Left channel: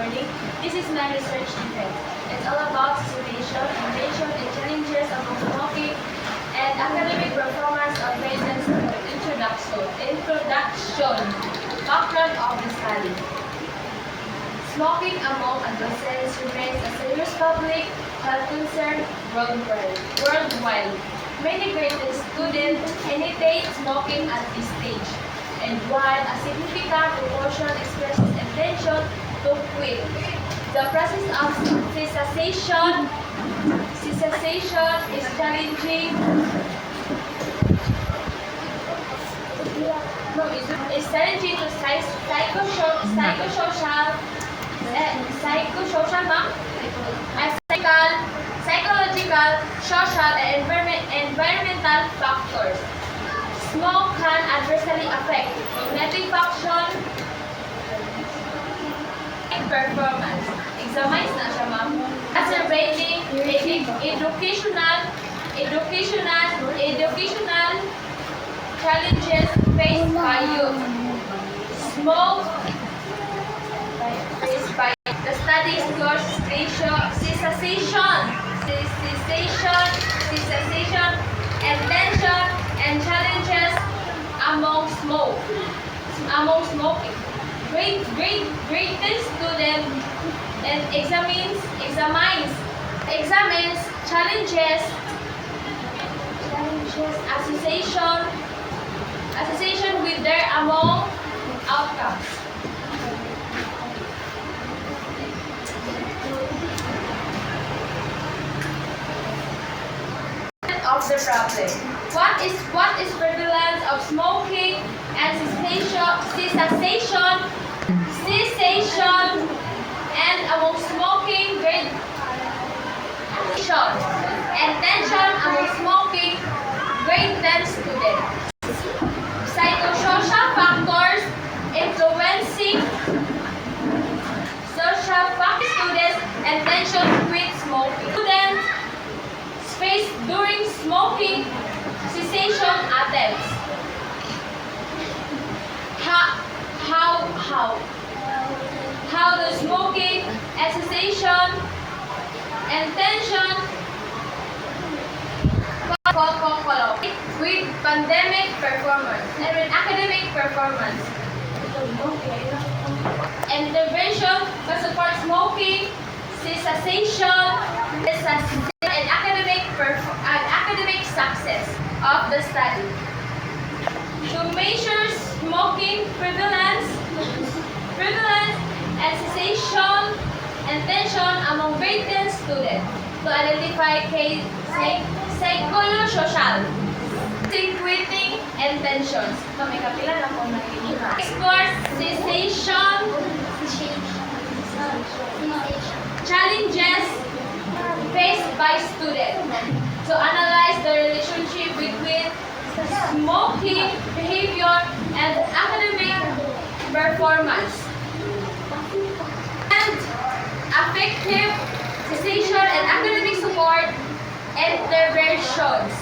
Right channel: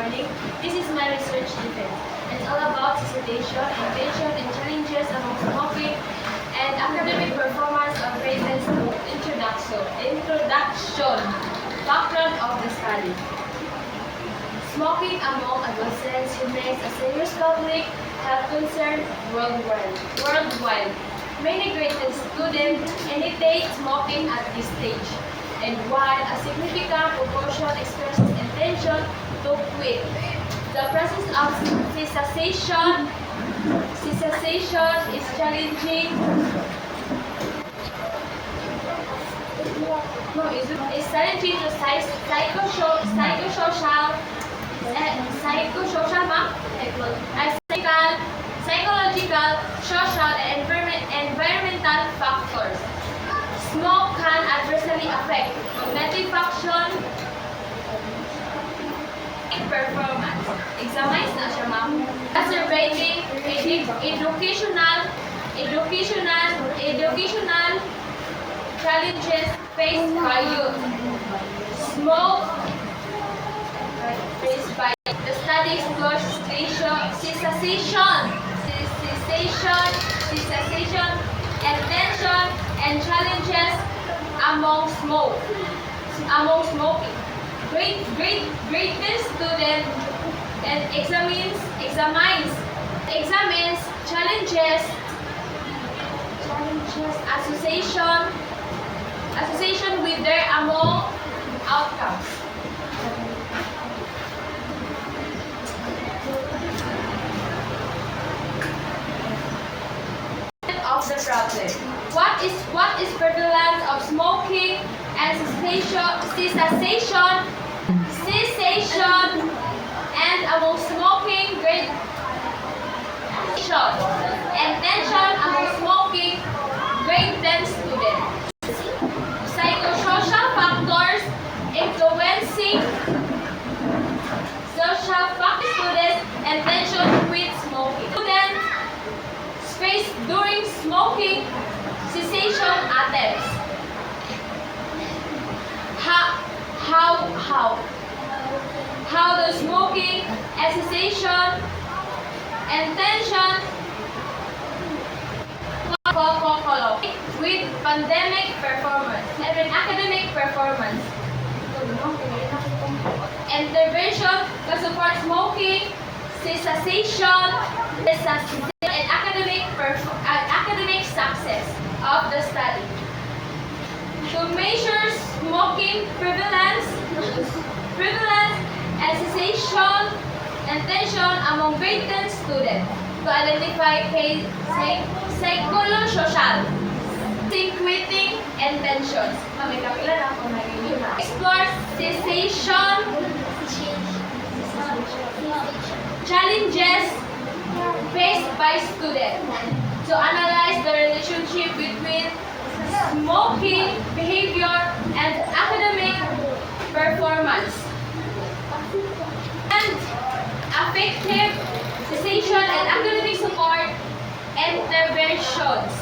morning. This is my research defect. It's all about situation, invention, and challenges of smoking and academic performance of patients. Introduction. Background of the study. Smoking among adolescents remains a serious public health concern worldwide. Many graduate students initiate smoking at this stage, and while a significant proportion expresses intention to quit, the process of cessation is challenging. Is challenging to psychological, social, and environmental factors. Smoke can adversely affect cognitive function and performance. Examines na siya, ma'am. Exacerbating educational challenges faced by youth. Smoke faced by the study explores cessation, intention, and challenges among smoking. Grade 10 student and examines challenges association with their among outcomes. Of the problem. What is prevalence of smoking and cessation and among smoking grade and tension among smoking grade 10 students. Psychosocial factors influencing social factors students and tension with smoking. Students face during smoking cessation attempts. How the smoking and cessation and tension with pandemic performance and with academic performance. Intervention to support smoking cessation and academic success of the study. To measure smoking prevalence and cessation and tension among grade 10 students. To identify psychosocial, quitting, and tensions. Explore cessation challenges faced by students. To analyze the relationship between smoking behavior and academic performance. And effective cessation and academic support interventions.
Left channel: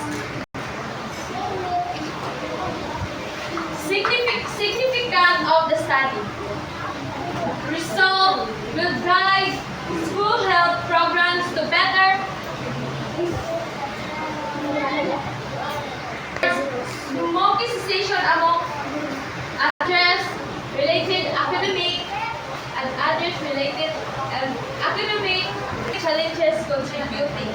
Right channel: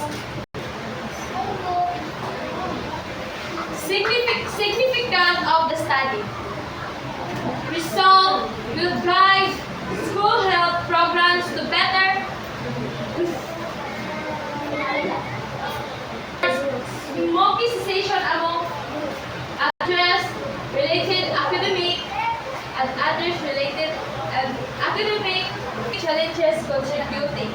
Significance of the study. Result will guide school health programs to better smoking cessation among address related academic and others related academic challenges contributing.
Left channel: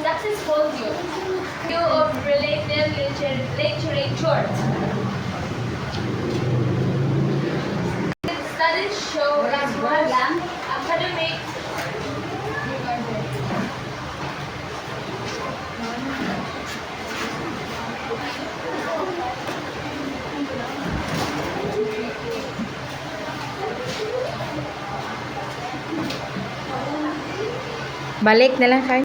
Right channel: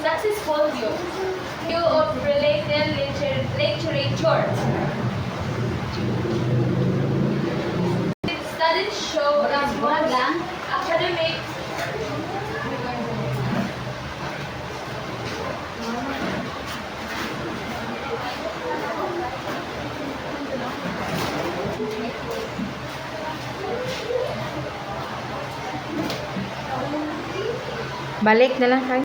Successful view of related literature. Studies show that academic Balik na lang kayo.